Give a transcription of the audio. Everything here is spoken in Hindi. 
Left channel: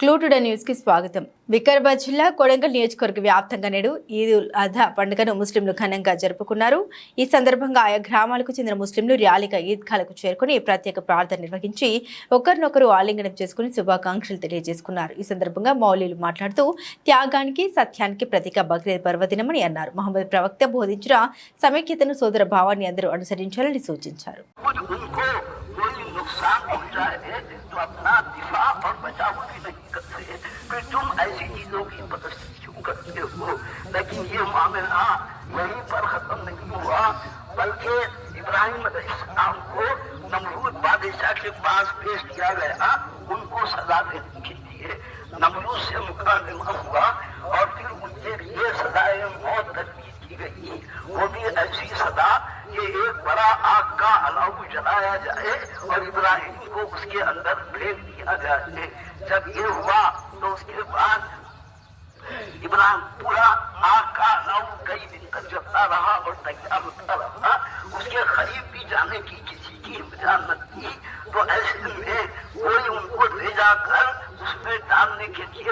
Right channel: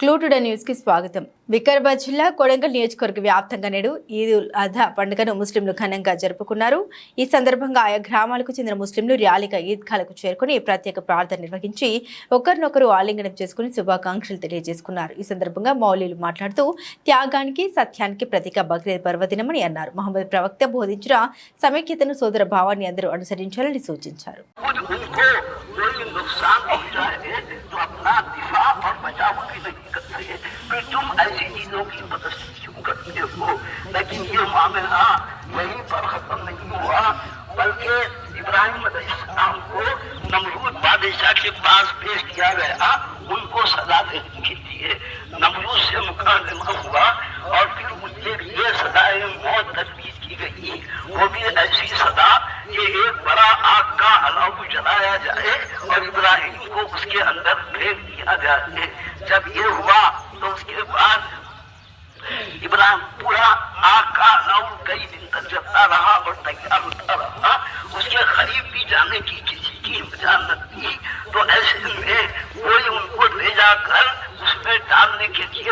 క్లూటుడ న్యూస్కి స్వాగతం. వికారాబాద్ జిల్లా కొడంగల్ నియోజకవర్గ వ్యాప్తంగా నేడు ఈద్ ఉల్ అధా పండుగను ముస్లింలు ఘనంగా జరుపుకున్నారు. ఈ సందర్భంగా ఆయా గ్రామాలకు చెందిన ముస్లింలు ర్యాలీగా ఈద్గాలకు చేరుకుని ప్రత్యేక ప్రార్థన నిర్వహించి ఒకరినొకరు ఆలింగనం చేసుకుని శుభాకాంక్షలు తెలియజేసుకున్నారు. ఈ సందర్భంగా మౌలీలు మాట్లాడుతూ త్యాగానికి సత్యానికి ప్రతీక బక్రీద్ పర్వదినమని అన్నారు. మహమ్మద్ ప్రవక్త బోధించిన సమైక్యతను సోదర భావాన్ని అందరూ అనుసరించాలని సూచించారు. चीज़ों की मदद क्यों करते हो लेकिन ये मामला वहीं पर खत्म नहीं हुआ बल्कि इब्राहिम अलैहिस्सलाम को नमरूद बादशाह के पास पेश किया गया। उनको सजा देने के लिए नमरूद से मुकादमा हुआ और फिर उनके लिए सजाए मौत तजवीज की गई। वो भी ऐसी सजा कि एक बड़ा आग का अलाव जलाया जाए और इब्राहिम को उसके अंदर फेंक दिया जाए। जब ये हुआ तो उसके बाद इब्राहिम पूरा आकाश और कई दिन तक जता रहा और तैयार होता रहा। उसके करीब भी जाने की किसी की इजाज़त थी तो ऐसे में कोई उनको भेजा कर उसमें डालने के लिए